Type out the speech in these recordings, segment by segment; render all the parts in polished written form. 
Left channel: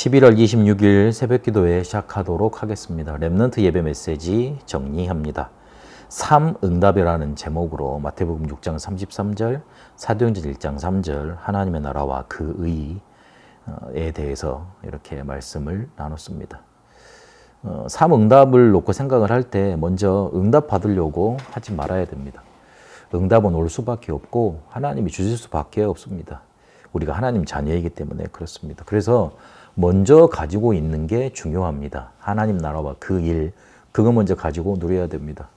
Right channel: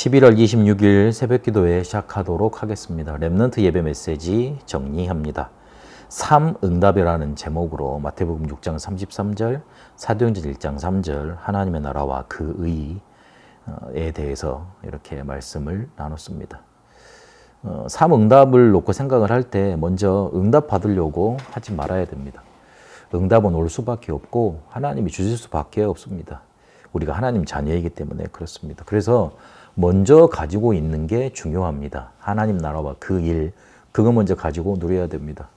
11월 26일 새벽기도회 시작하도록 하겠습니다. 렘넌트 예배 메시지 정리합니다. 3응답이라는 제목으로 마태복음 6장 33절, 사도행전 1장 3절 하나님의 나라와 그 의에 대해서 이렇게 말씀을 나눴습니다. 3응답을 놓고 생각을 할 때 먼저 응답 받으려고 하지 말아야 됩니다. 응답은 올 수밖에 없고 하나님이 주실 수밖에 없습니다. 우리가 하나님 자녀이기 때문에 그렇습니다. 그래서 먼저 가지고 있는 게 중요합니다. 하나님 나라와 그 일, 그거 먼저 가지고 누려야 됩니다.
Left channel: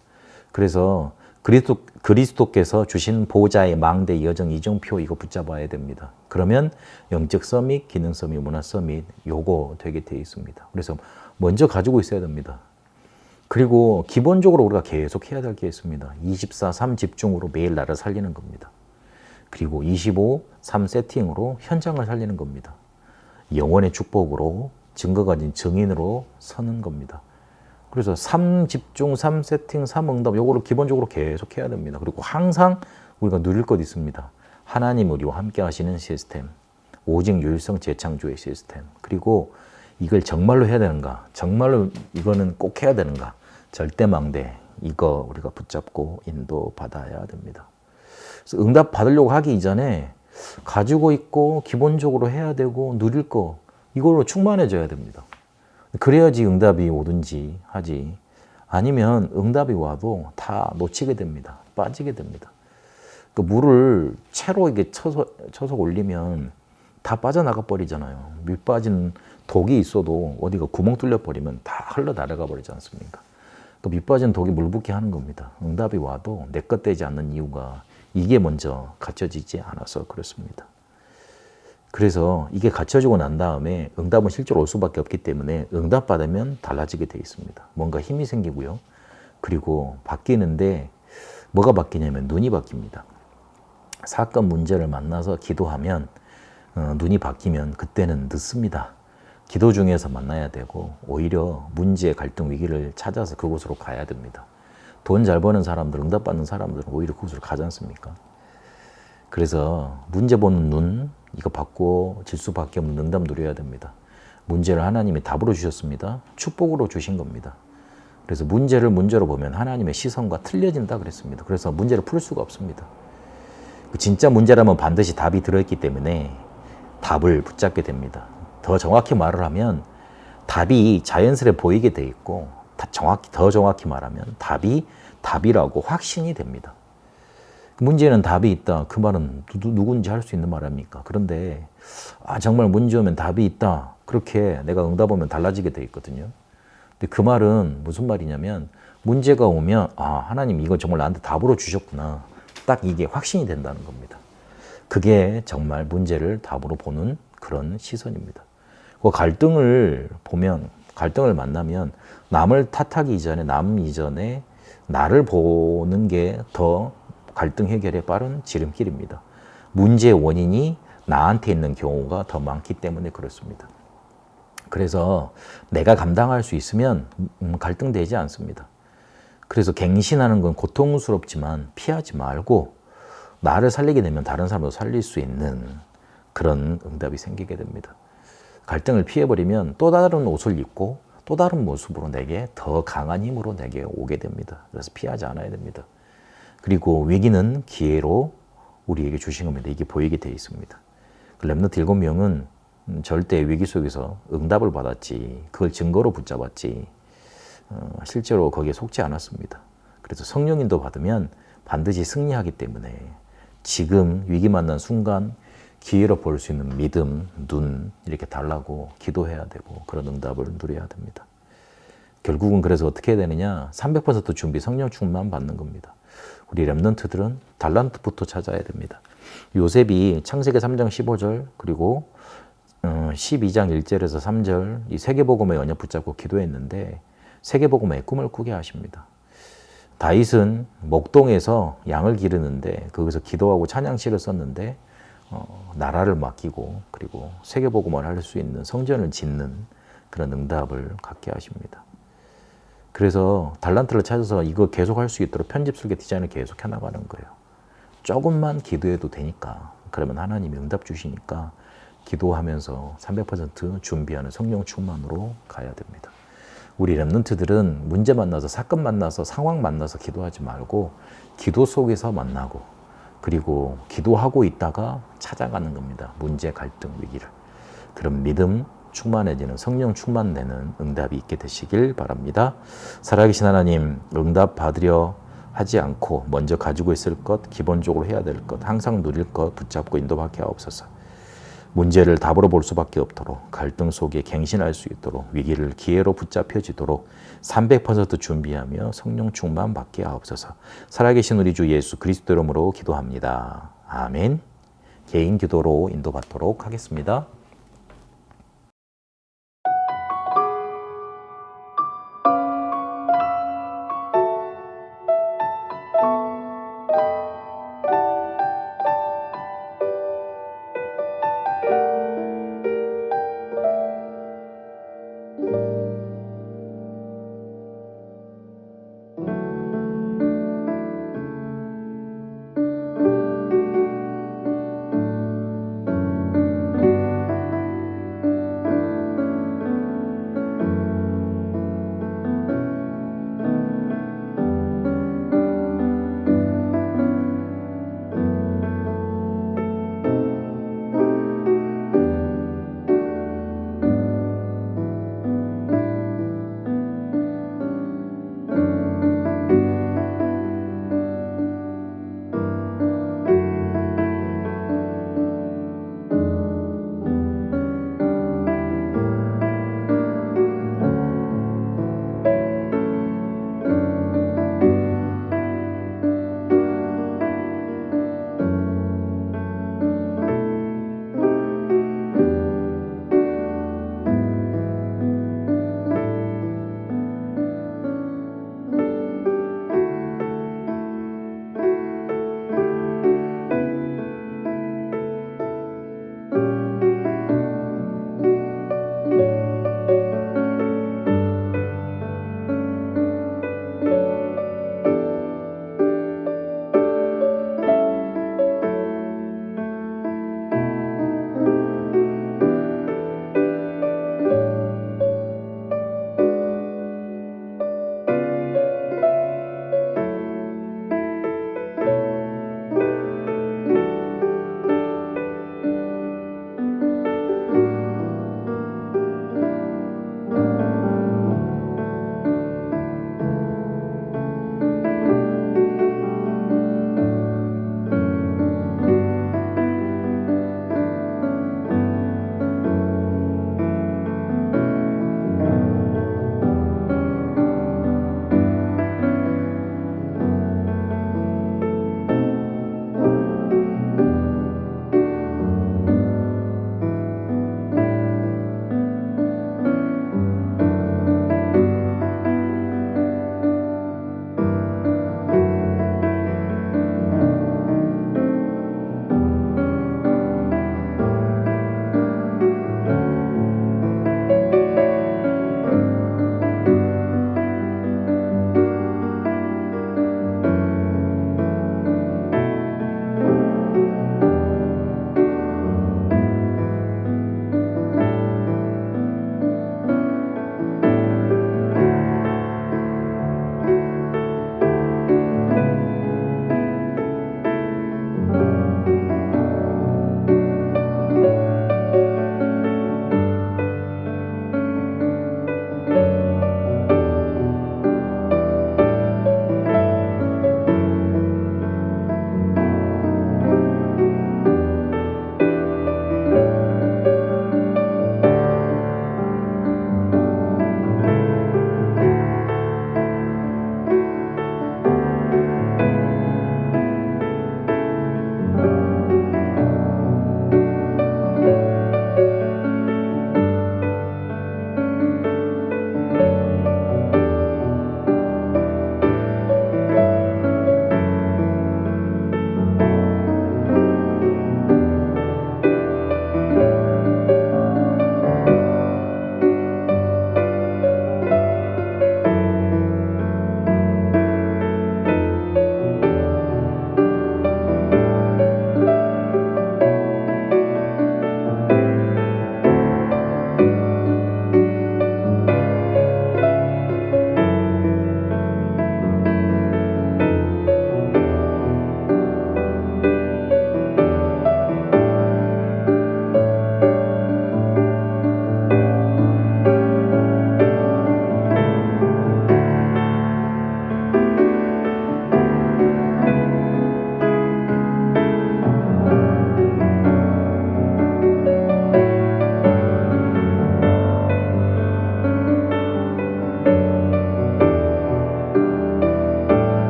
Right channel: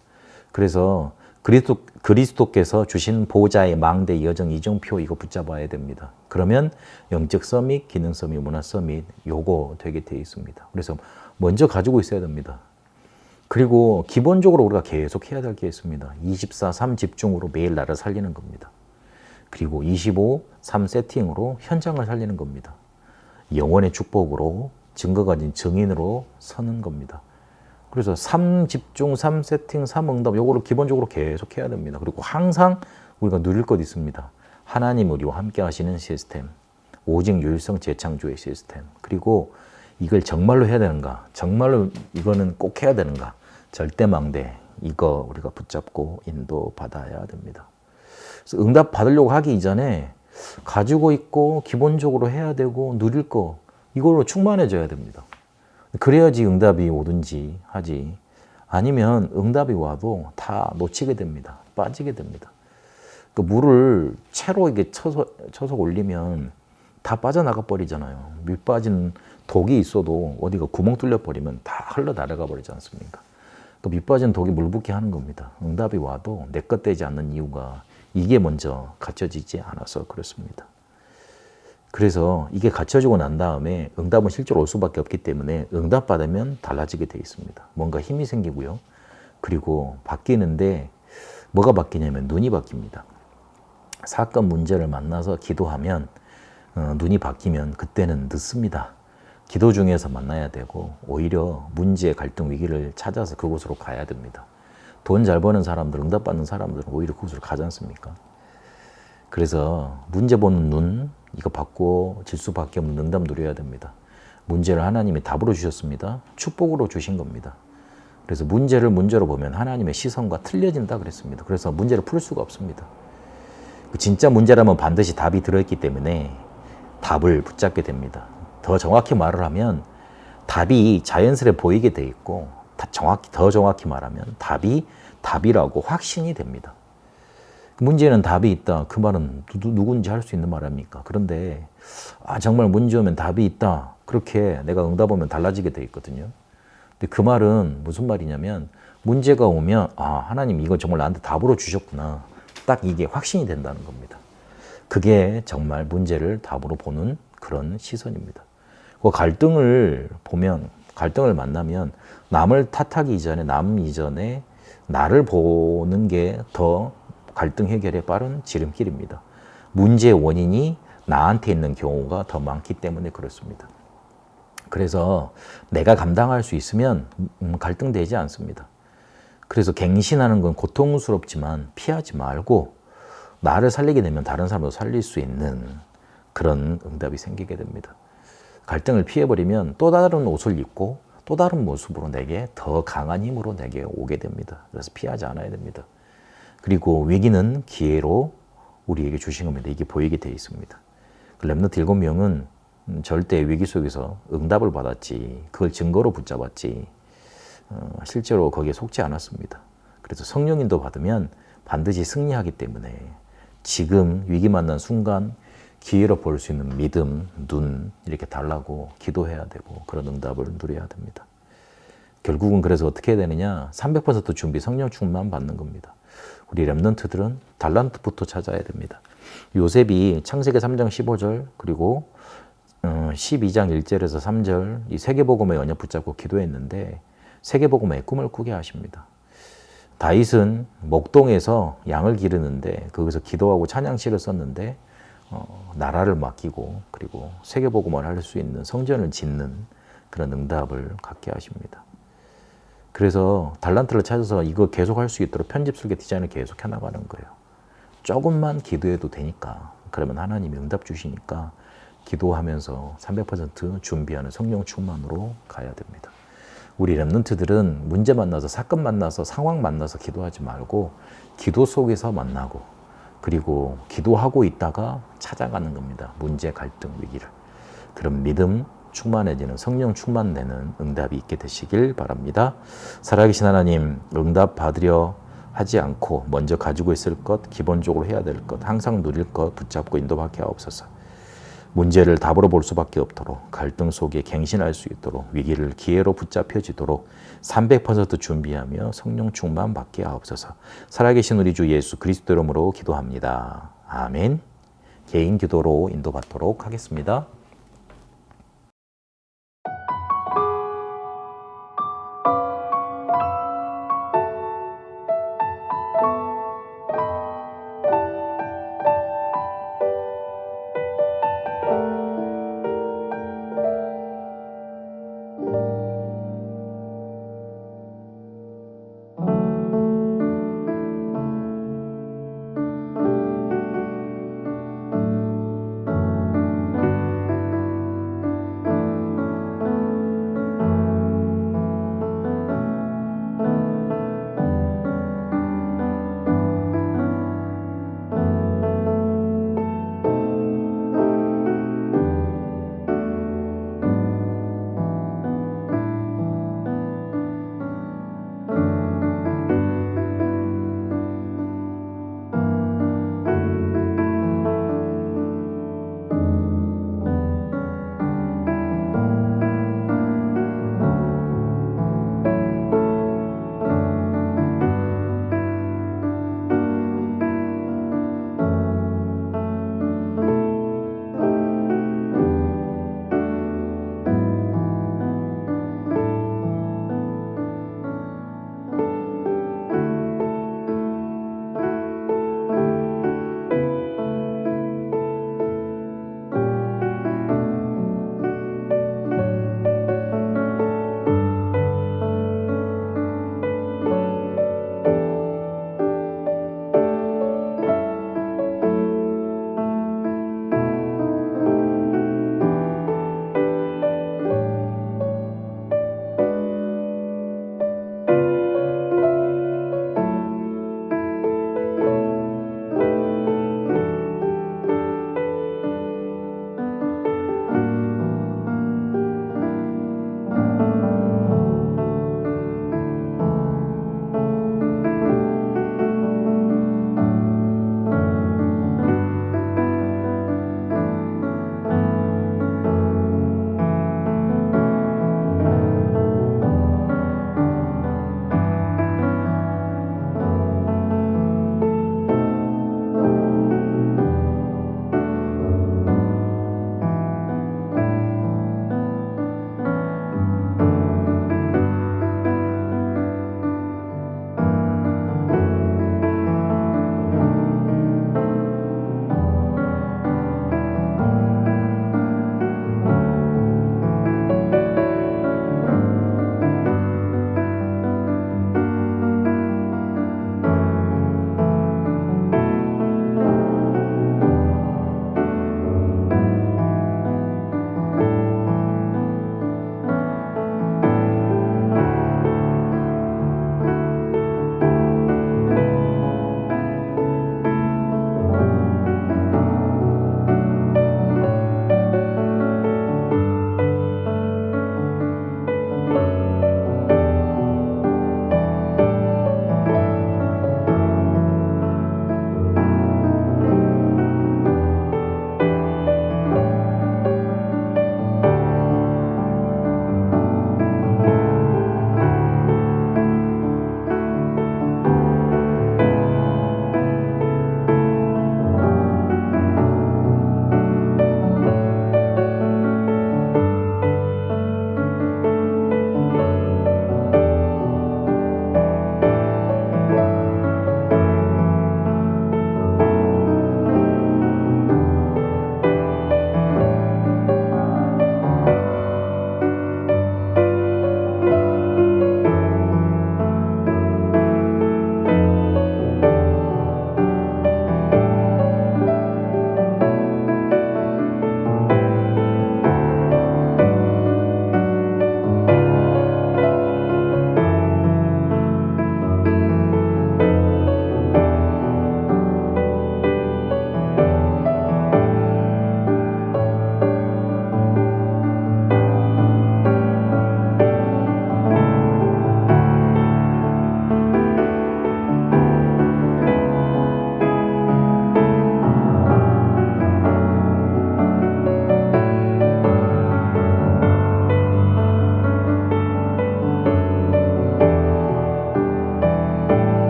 그래서 그리스도께서 주신 보좌의 망대 여정 이정표 이거 붙잡아야 됩니다. 그러면 영적 서밋, 기능 서밋, 문화 서밋 요거 되게 돼 있습니다. 그래서 먼저 가지고 있어야 됩니다. 그리고 기본적으로 우리가 계속 해야 될 게 있습니다. 24/3 집중으로 매일 나를 살리는 겁니다. 그리고 25/3 세팅으로 현장을 살리는 겁니다. 영원의 축복으로 증거 가진 증인으로 서는 겁니다. 그래서 3 집중, 3 세팅, 3 응답 요거를 기본적으로 계속 해야 됩니다. 그리고 항상 우리가 누릴 것 있습니다. 하나님 우리와 함께 하시는 시스템, 오직 유일성 재창조의 시스템, 그리고 이걸 정말로 해야 되는가, 정말로 이거는 꼭 해야 되는가, 절대망대 이거 우리가 붙잡고 인도받아야 됩니다. 그래서 응답 받으려고 하기 이전에 가지고 있고 기본적으로 해야 되고 누릴 거 이걸로 충만해져야 됩니다. 그래야지 응답이 오든지 하지, 아니면 응답이 와도 다 놓치게 됩니다. 빠지게 됩니다. 그 물을 채로 이게 쳐서 올리면 다 빠져나가 버리잖아요. 밑 빠진 독이 있어도 어디가 구멍 뚫려 버리면 다 흘러나가 버리지 않습니까? 그 밑 빠진 독이 물 붓게 하는 겁니다. 응답이 와도 내 것 되지 않는 이유가 이게 먼저 갖춰지지 않아서 그렇습니다. 그래서 이게 갖춰지고 난 다음에 응답은 실제로 올 수밖에 없기 때문에 응답 받으면 달라지게 돼 있습니다. 뭔가 힘이 생기고요. 그리고 바뀌는데 뭐가 바뀌냐면 눈이 바뀝니다. 사건 문제를 만나서 기도하면 눈이 바뀌면 그때는 늦습니다. 기도 중에서 만나야 되고 오히려 문제, 갈등, 위기를 찾아서 그곳으로 가야 됩니다. 돈 잘 버는 사람들, 응답받는 사람들은 오히려 그곳으로 가지 않습니까? 그래서 문제 보는 눈, 이거 받고 질 수밖에 없는 응답 누려야 됩니다. 문제를 하나님이 답으로 주셨습니다. 축복으로 주신 겁니다. 그래서 문제를 문제로 보면 하나님의 시선과 틀려진다 그랬습니다. 그래서 문제를 풀 수가 없습니다. 진짜 문제라면 반드시 답이 들어있기 때문에 답을 붙잡게 됩니다. 더 정확히 말을 하면 답이 자연스레 보이게 돼 있고, 더 정확히 말하면 답이 답이라고 확신이 됩니다. 문제는 답이 있다. 그 말은 누군지 할 수 있는 말 아닙니까? 그런데 정말 문제 오면 답이 있다. 그렇게 내가 응답하면 달라지게 돼 있거든요. 근데 그 말은 무슨 말이냐면 문제가 오면 하나님 이거 정말 나한테 답으로 주셨구나. 딱 이게 확신이 된다는 겁니다. 그게 정말 문제를 답으로 보는 그런 시선입니다. 그 갈등을 만나면 남을 탓하기 이전에 남 이전에 나를 보는 게 더 갈등 해결에 빠른 지름길입니다. 문제의 원인이 나한테 있는 경우가 더 많기 때문에 그렇습니다. 그래서 내가 감당할 수 있으면 갈등되지 않습니다. 그래서 갱신하는 건 고통스럽지만 피하지 말고 나를 살리게 되면 다른 사람도 살릴 수 있는 그런 응답이 생기게 됩니다. 갈등을 피해버리면 또 다른 옷을 입고 또 다른 모습으로 내게 더 강한 힘으로 내게 오게 됩니다. 그래서 피하지 않아야 됩니다. 그리고 위기는 기회로 우리에게 주신 겁니다. 이게 보이게 되어 있습니다. 렘넌트 7명은 절대 위기 속에서 응답을 받았지, 그걸 증거로 붙잡았지, 실제로 거기에 속지 않았습니다. 그래서 성령인도 받으면 반드시 승리하기 때문에 지금 위기 만난 순간 기회로 볼 수 있는 믿음, 눈 이렇게 달라고 기도해야 되고 그런 응답을 누려야 됩니다. 결국은 그래서 어떻게 해야 되느냐? 300% 준비, 성령 충만 받는 겁니다. 우리 렘넌트들은 달란트부터 찾아야 됩니다. 요셉이 창세기 3장 15절 그리고 12장 1절에서 3절 이 세계복음의 언약 붙잡고 기도했는데 세계복음의 꿈을 꾸게 하십니다. 다윗은 목동에서 양을 기르는데 거기서 기도하고 찬양시를 썼는데 나라를 맡기고 그리고 세계복음을 할 수 있는 성전을 짓는 그런 응답을 갖게 하십니다. 그래서 달란트를 찾아서 이거 계속 할 수 있도록 편집 설계 디자인을 계속 해나가는 거예요. 조금만 기도해도 되니까, 그러면 하나님이 응답 주시니까 기도하면서 300% 준비하는 성령 충만으로 가야 됩니다. 우리 렘넌트들은 문제 만나서, 사건 만나서, 상황 만나서 기도하지 말고 기도 속에서 만나고, 그리고 기도하고 있다가 찾아가는 겁니다. 문제, 갈등, 위기를. 그런 믿음 충만해지는, 성령 충만되는 응답이 있게 되시길 바랍니다. 살아계신 하나님, 응답 받으려 하지 않고 먼저 가지고 있을 것, 기본적으로 해야 될 것, 항상 누릴 것 붙잡고 인도받게 하옵소서. 문제를 답으로 볼 수밖에 없도록, 갈등 속에 갱신할 수 있도록, 위기를 기회로 붙잡혀지도록 300% 준비하며 성령 충만 받게 하옵소서. 살아계신 우리 주 예수 그리스도 이름으로 기도합니다. 아멘. 개인 기도로 인도받도록 하겠습니다.